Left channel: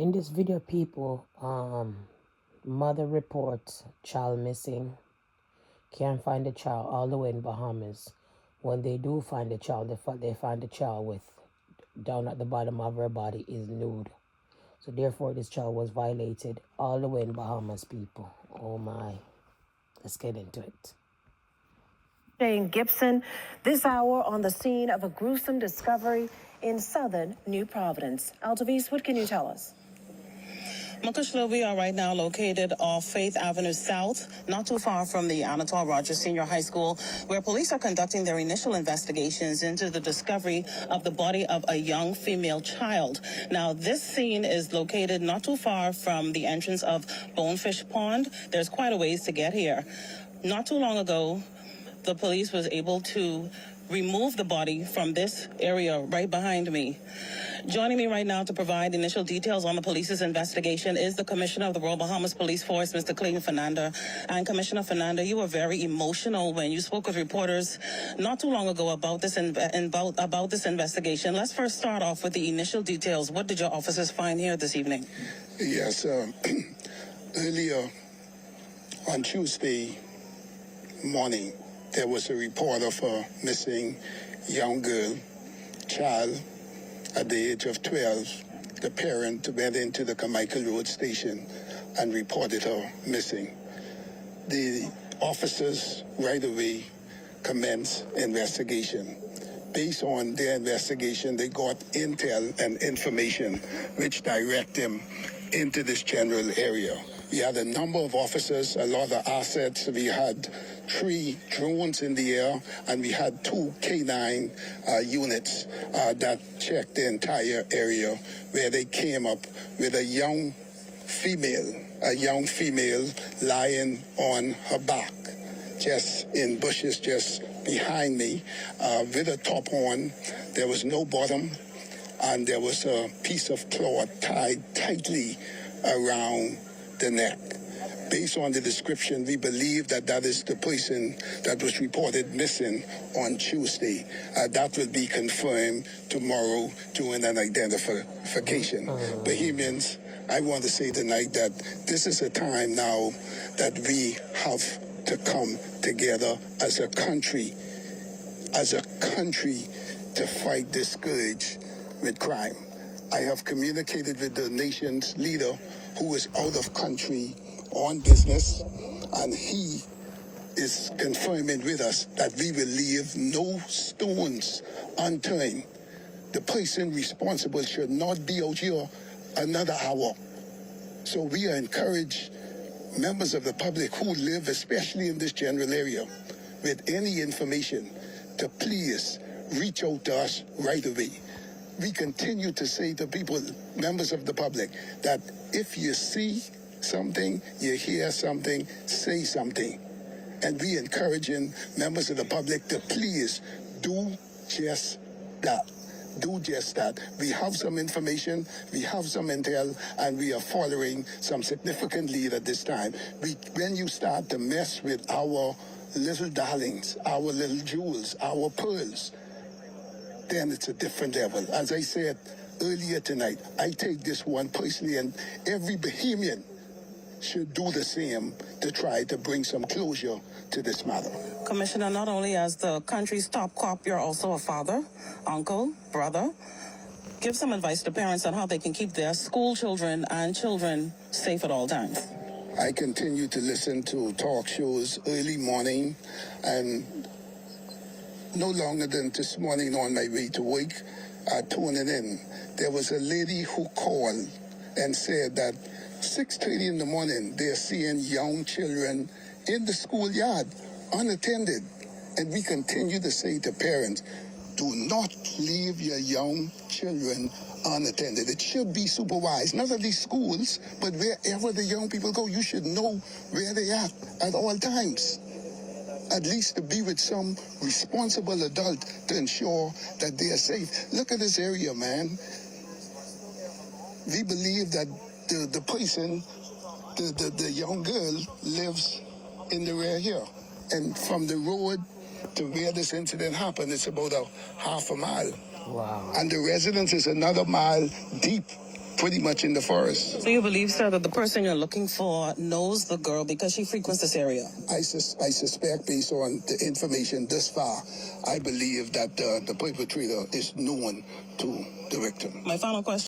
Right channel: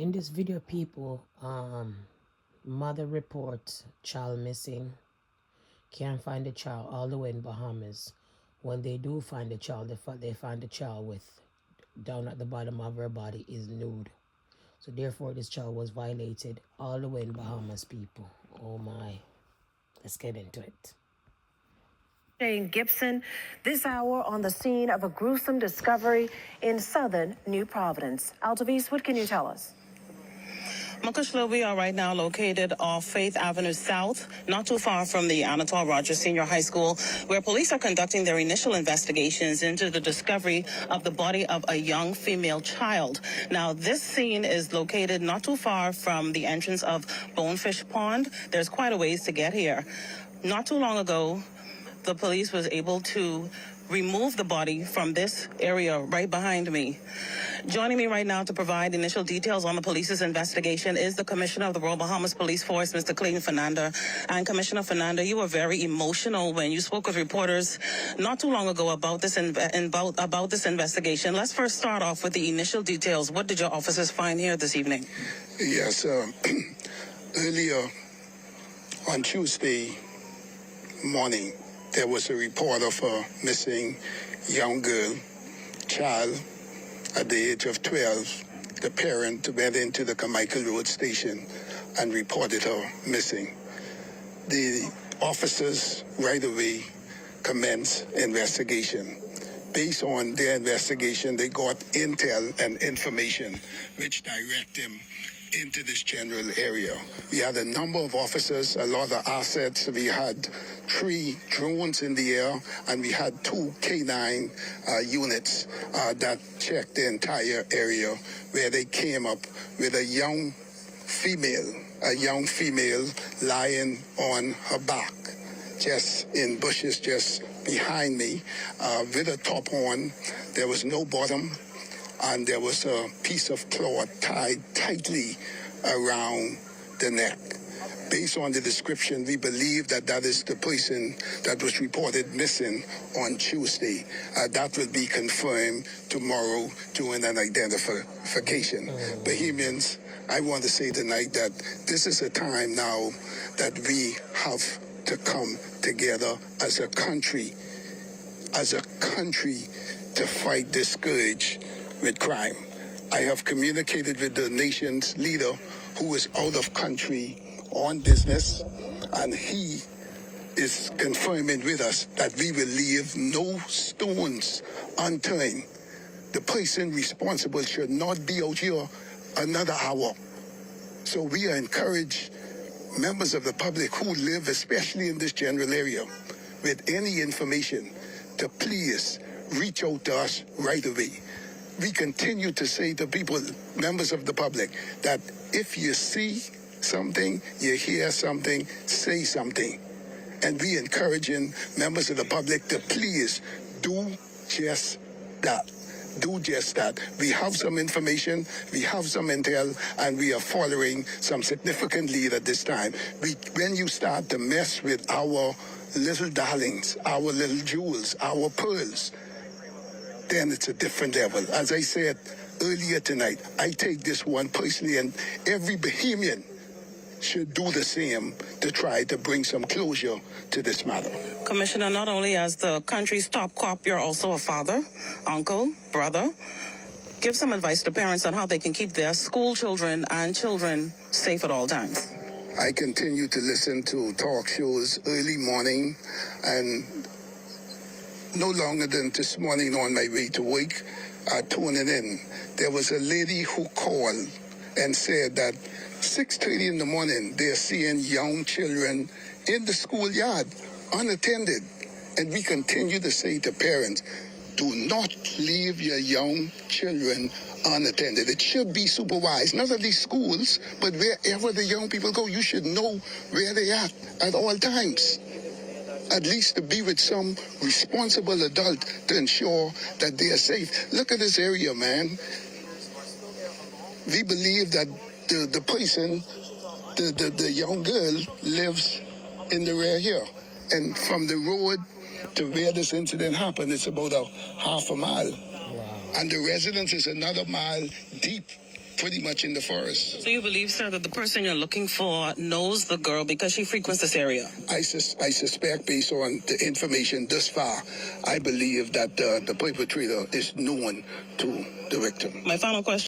In this video, people, mother reports child missing. Can't find the child all the way in Bahamas. When they do find the child, they find the child with down at the bottom of her body is nude. So therefore, this child was violated all the way in Bahamas, people. Oh my. Let's get into it. Jane Gibson, this hour on the scene of a gruesome discovery in southern New Providence. Altavis, what can you tell us? Makushla, we are right now located off Faith Avenue South, not too far from the Anatole Rogers Senior High School, where police are conducting their initial investigations into the discovery of the body of a young female child. Now, this scene is located not too far from the entrance of Bonefish Pond. There's quite a ways to get here. Not too long ago, the police was able to remove the body from this area right behind me. Joining me right now to provide initial details on the police's investigation is the Commissioner of the Royal Bahamas Police Force, Mr. Clayton Fernanda. And Commissioner Fernanda, you were very emotional when you spoke with reporters not too long ago about this about this investigation. Let's first start off with the initial details. What did your officers find here this evening? Yes, earlier on Tuesday morning, there was a report of a missing young girl, child, at the age of 12. The parent went into the Carmichael Road station and reported her missing. The officers right away commenced investigation. Based on their investigation, they got intel and information which direct them into this general area. We had a number of officers, a lot of assets. We had 3 drones in the air, and we had 2 K9 units that checked the entire area, where they came up with a young female lying on her back, just in bushes just behind me, with a top on. There was no bottom, and there was a piece of cloth tied tightly around the neck. Based on the description, we believe that that is the person that was reported missing on Tuesday. That will be confirmed tomorrow during an identification. Bahamians, I want to say tonight that this is a time now that we have to come together as a country to fight this scourge with crime. I have communicated with the nation's leader, who is out of country on business, and he is confirming with us that we will leave no stones unturned. The person responsible should not be out here another hour. So we are encouraged members of the public who live, especially in this general area, with any information, to please reach out to us right away. We continue to say to people, members of the public, that if you see something, you hear something, say something. And we encouraging members of the public to please do just that. Do just that. We have some information, we have some intel, and we are following some significant lead at this time. When you start to mess with our little darlings, our little jewels, our pearls, then it's a different level. As I said earlier tonight, I take this one personally, and every Bahamian should do the same to try to bring some closure to this matter. Commissioner, not only as the country's top cop, you're also a father, uncle, brother. Give some advice to parents on how they can keep their school children and children safe at all times. I continue to listen to talk shows early morning, and no longer than this morning on my way to work, tuning in, there was a lady who called and said that 6:30 in the morning, they're seeing young children in the schoolyard, unattended. And we continue to say to parents, do not leave your young children unattended. It should be supervised, not at these schools, but wherever the young people go, you should know where they are at all times. At least to be with some responsible adult to ensure that they are safe. Look at this area, man. We believe that the person, the young girl, lives in the rear here. And from the road to where this incident happened, it's about a half a mile. Wow. And the residence is another mile deep pretty much in the forest. So you believe, sir, that the person you're looking for knows the girl because she frequents this area? I suspect, based on the information thus far, I believe that the perpetrator is known to the victim. My final question.